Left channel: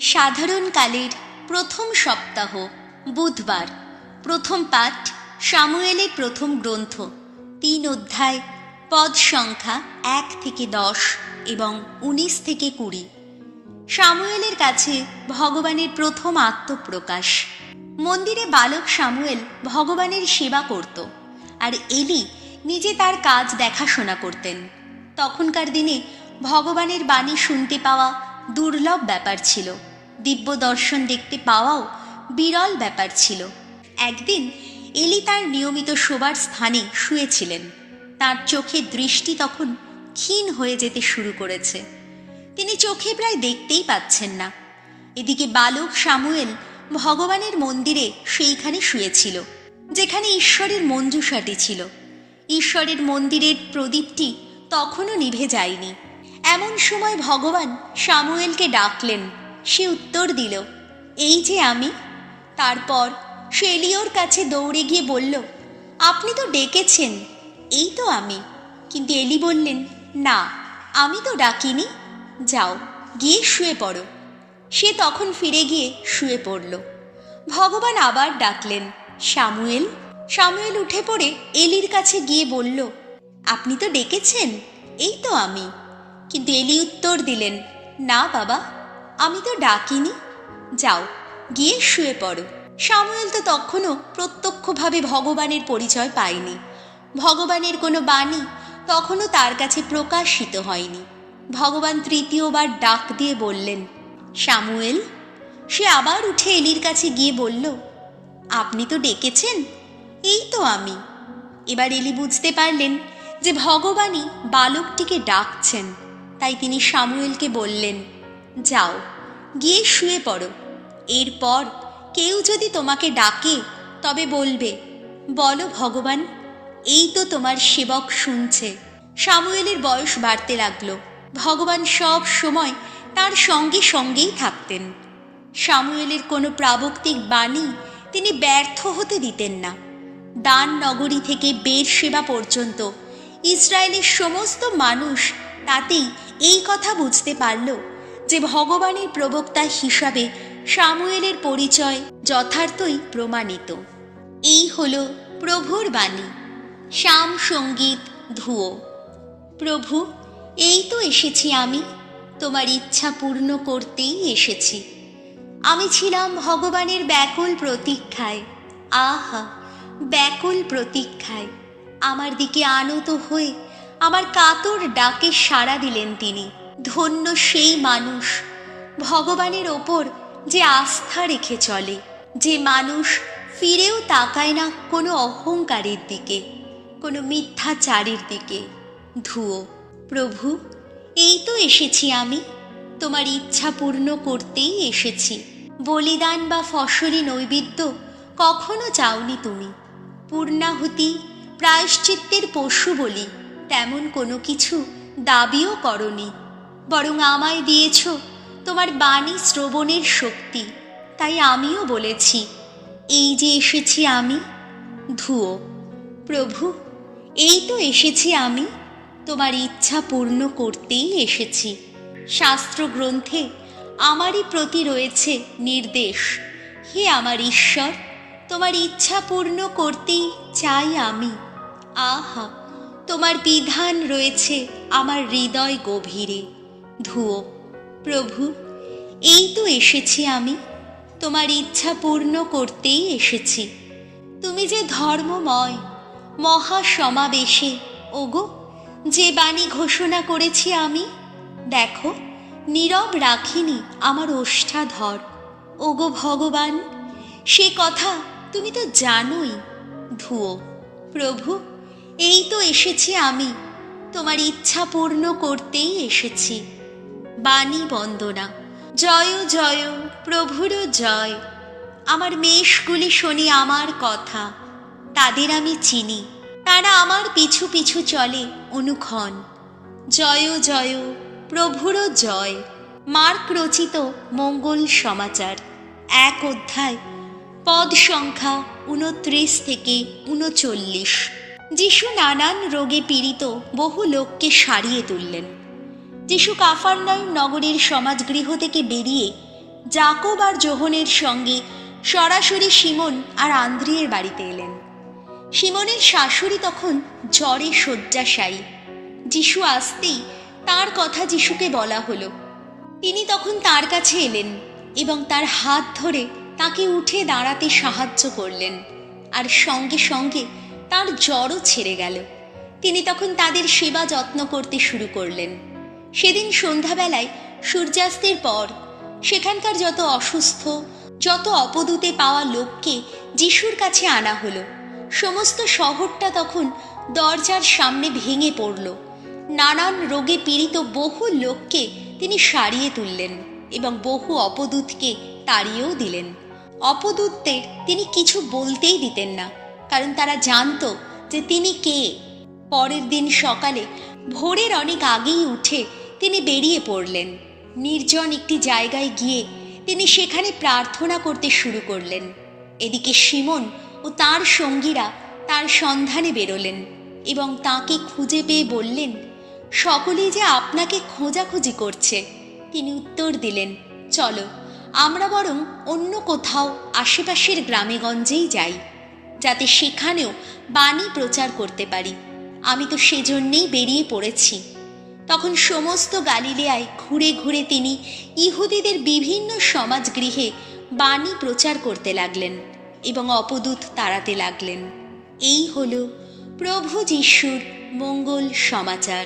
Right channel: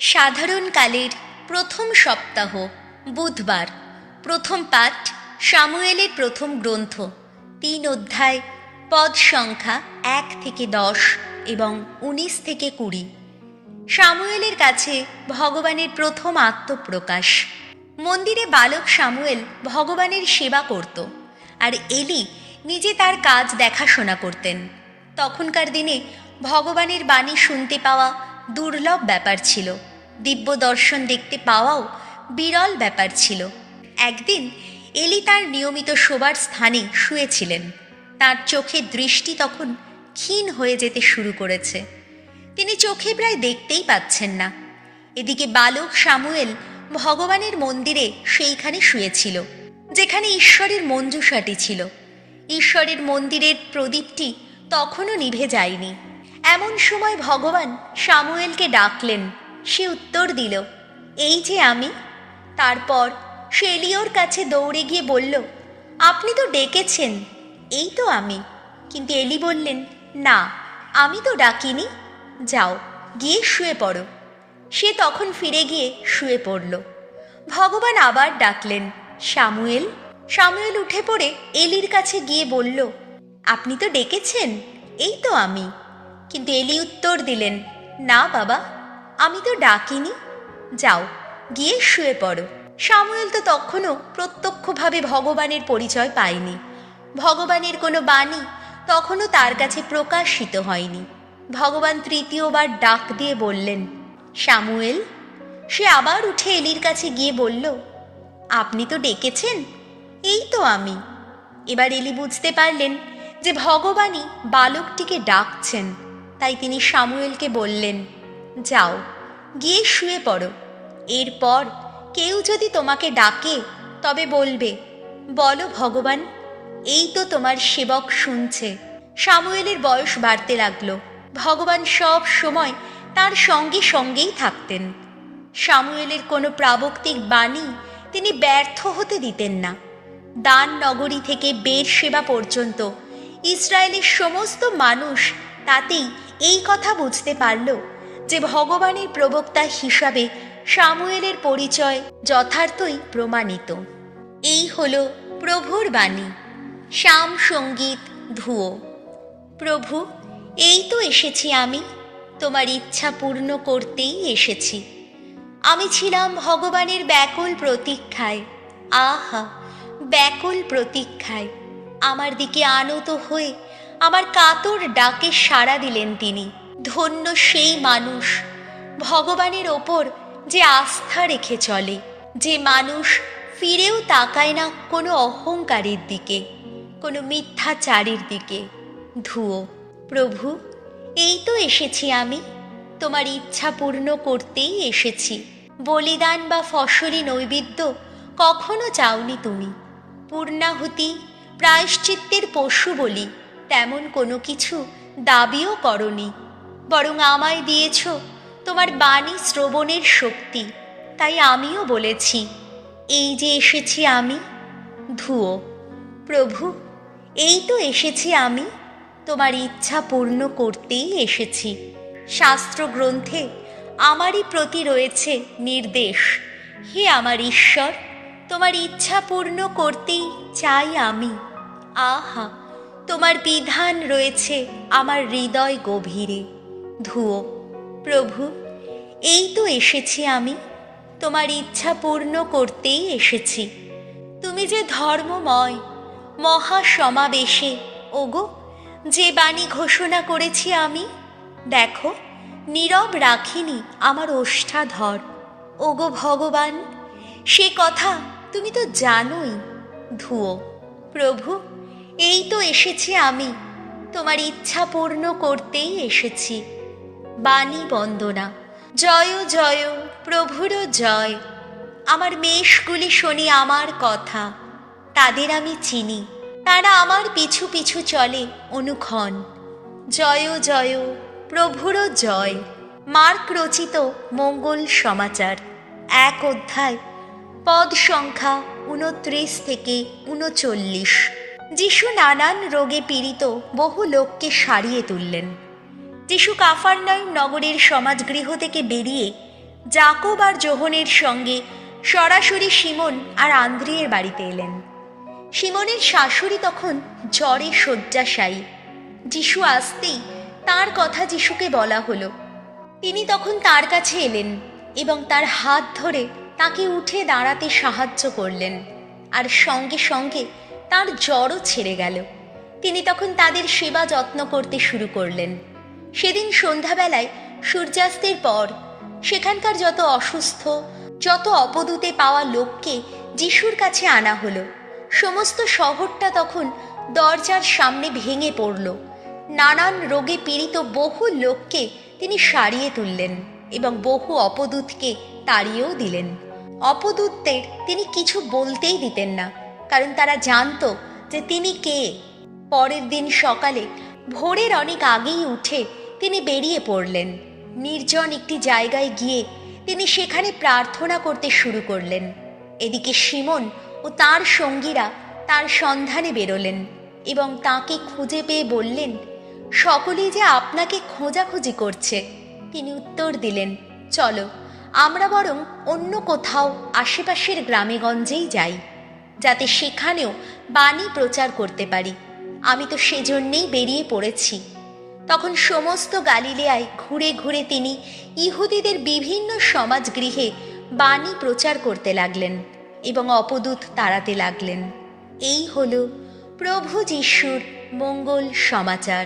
সাধারণকালের প্রথম সপ্তাহ, বুধবার। প্রথম পাঠ সামুয়েলের প্রথম গ্রন্থ, 3 অধ্যায়, পদ সংখ্যা 1 থেকে 10 এবং 19 থেকে 20। সামুয়েলের কাছে ভগবানের প্রথম আত্মপ্রকাশ। মন্দিরে বালক সামুয়েল ভগবানের সেবা করত, আর এলি নিজে তার কাজ দেখাশোনা করতেন। তখনকার দিনে ভগবানের বাণী শুনতে পাওয়া দুর্লভ ব্যাপার ছিল, দিব্য দর্শন দেখতে পাওয়াও বিরল ব্যাপার ছিল। একদিন এলি তার নিয়মিত শোবার স্থানে শুয়েছিলেন। তার চোখের দৃষ্টি তখন ক্ষীণ হয়ে যেতে শুরু করেছে। তিনি চোখে প্রায় দেখতেই পাচ্ছেন না। এদিকে বালক সামুয়েল ভগবানের মন্দিরে সেইখানে শুয়েছিল, যেখানে ঈশ্বরের মঞ্জুষাটি ছিল। ঈশ্বরের মন্দিরের প্রদীপটি তখনও নিভে যায়নি। এমন সময় ভগবান সামুয়েলকে ডাকলেন। সে উত্তর দিল, এই যে আমি। তারপর সে এলিওর কাছে দৌড়ে গিয়ে বলল, আপনি তো ডেকেছেন, এই তো আমি। কিন্তু এলি বললেন, না, আমি তো ডাকিনি, যাও গিয়ে শুয়ে পড়ো। সে তখন ফিরে গিয়ে শুয়ে পড়ল। ভগবান আবার ডাকলেন, সামুয়েল। সামুয়েল উঠে পড়ে এলির কাছে গিয়ে বলল, আপনি তো ডেকেছেন, এই তো আমি। কিন্তু এলি উত্তর দিলেন, না বাবা, আমি তো ডাকিনি, যাও গিয়ে শুয়ে পড়ো। সামুয়েল তো তখনও প্রত্যক্ষভাবে ভগবানের পরিচয় পায়নি। ভগবানের কোনো বাণী তখনও তার কাছে প্রকাশিত হয়নি। ভগবান তৃতীয়বার ডাক দিয়ে বললেন, সামুয়েল। সে আবার উঠে এলির কাছে গিয়ে বলল, আপনি তো ডেকেছেন, এই তো আমি। এবার এলি বুঝতে পারলেন যে ভগবানই বালকটিকে ডাকছেন। তাই তিনি সামুয়েলকে বললেন, যাও গিয়ে শুয়ে পড়ো। এরপর কেউ যদি তোমাকে ডাকে তবে বলবে, বলো ভগবান, এই তো তোমার সেবক শুনছে। সামুয়েলের বয়স বাড়তে লাগলো। ভগবান সব সময় তার সঙ্গে সঙ্গেই থাকতেন। সামুয়েলের কোনো প্রাবক্তিক বাণী তিনি ব্যর্থ হতে দিতেন না। দান নগরী থেকে বেরশেবা পর্যন্ত ইসরায়েলের সমস্ত মানুষ তাতেই এই কথা বুঝতে পারল যে ভগবানের প্রবক্তা হিসাবে সামুয়েলের পরিচয় যথার্থই প্রমাণিত। এই হলো প্রভুর বাণী। শাম সঙ্গীত ধুয়ো। প্রভু, এই তো এসেছি আমি, তোমার ইচ্ছা পূর্ণ করতেই এসেছি। আমি ছিলাম ভগবানের ব্যাকুল প্রতীক্ষায়। আহা, ব্যাকুল প্রতীক্ষায় আমার দিকে আনত হয়ে আমার কাতর ডাকে সাড়া দিলেন তিনি। ধন্য সেই মানুষ, ভগবানের ওপর যে আস্থা রেখে চলে, যে মানুষ ফিরেও তাকায় না কোনো অহংকারের দিকে, কোনো মিথ্যাচারের দিকে। ধুয়ো। প্রভু, এই তো এসেছি আমি, তোমার ইচ্ছা পূর্ণ করতেই এসেছি। বলিদান বা ফসলি নৈবেদ্য কখনো চাওনি তুমি। পূর্ণাহুতি, প্রায়শ্চিত্তের পশু বলি তেমন কোনো কিছু দাবিও করনি। বরং আমায় দিয়েছ তোমার বাণী শ্রবণের শক্তি। তাই আমিও বলেছি, এই যে এসেছি আমি। ধুয়ো। প্রভু, এই তো এসেছি আমি, তোমার ইচ্ছা পূর্ণ করতেই এসেছি। শাস্ত্র গ্রন্থে আমারই প্রতি রয়েছে নির্দেশ, হে আমার ঈশ্বর, তোমার ইচ্ছা পূর্ণ করতেই চাই আমি। আহা, তোমার বিধান রয়েছে আমার হৃদয় গভীরে। ধুয়ো। প্রভু, এই তো এসেছি আমি, তোমার ইচ্ছা পূর্ণ করতেই এসেছি। তুমি যে ধর্মময়, মহাসমাবেশে ওগো যে বাণী ঘোষণা করেছি আমি, দেখো নীরব রাখিনি আমার ওষ্ঠাধর। ওগো ভগবান, সে কথা তুমি তো জানোই। ধুয়ো। প্রভু, এই তো এসেছি আমি, তোমার ইচ্ছা পূর্ণ করতেই এসেছি। বাণী বন্দনা। জয় জয় প্রভুর জয়। আমার মেষগুলি শোনে আমার কথা, তাদের আমি চিনি, তারা আমার পিছু পিছু চলে অনুক্ষণ। জয় জয় প্রভুর জয়। মার্ক রচিত মঙ্গল সমাচার, 1 অধ্যায়, পদ সংখ্যা 29 থেকে 39। যিশু নানান রোগে পীড়িত বহু লোককে সারিয়ে তুললেন। যিশু কাফারনাউম নগরের সমাজগৃহ থেকে বেরিয়ে জাকব আর যোহনের সঙ্গে সরাসরি সিমন আর আন্দ্রিয়ের বাড়িতে এলেন। সিমনের শাশুড়ি তখন জ্বরে শয্যাশায়ী। যিশু আসতেই তার কথা যিশুকে বলা হলো। তিনি তখন তার কাছে এলেন এবং তার হাত ধরে তাকে উঠে দাঁড়াতে সাহায্য করলেন, আর সঙ্গে সঙ্গে তার জ্বরও ছেড়ে গেল। তিনি তখন তাদের সেবা যত্ন করতে শুরু করলেন। সেদিন সন্ধ্যাবেলায় সূর্যাস্তের পর সেখানকার যত অসুস্থ, যত অপদূতে পাওয়া লোককে যিশুর কাছে আনা হলো। সমস্ত শহরটা তখন দরজার সামনে ভেঙে পড়ল। নানান রোগে পীড়িত বহু লোককে তিনি সারিয়ে তুললেন এবং বহু অপদূতকে তাড়িয়েও দিলেন। অপদূতদের তিনি কিছু বলতেই দিতেন না, কারণ তারা জানত যে তিনি কে। পরের দিন সকালে ভোরের অনেক আগেই উঠে তিনি বেরিয়ে পড়লেন। নির্জন একটি জায়গায় গিয়ে তিনি সেখানে প্রার্থনা করতে শুরু করলেন। এদিকে সিমন ও তার সঙ্গীরা তার সন্ধানে বেরোলেন এবং তাকে খুঁজে পেয়ে বললেন, সকলেই যে আপনাকে খোঁজাখুঁজি করছে। তিনি উত্তর দিলেন, চলো আমরা বরং অন্য কোথাও আশেপাশের গ্রামেগঞ্জেই যাই, যাতে সেখানেও বাণী প্রচার করতে পারি। আমি তো সেজন্যেই বেরিয়ে পড়েছি। তখন সমস্ত গালিলেয়ায় ঘুরে ঘুরে তিনি ইহুদিদের বিভিন্ন সমাজগৃহে বাণী প্রচার করতে লাগলেন এবং অপদূত তাড়াতে লাগলেন। এই হল প্রভু যিশুর মঙ্গল সমাচার।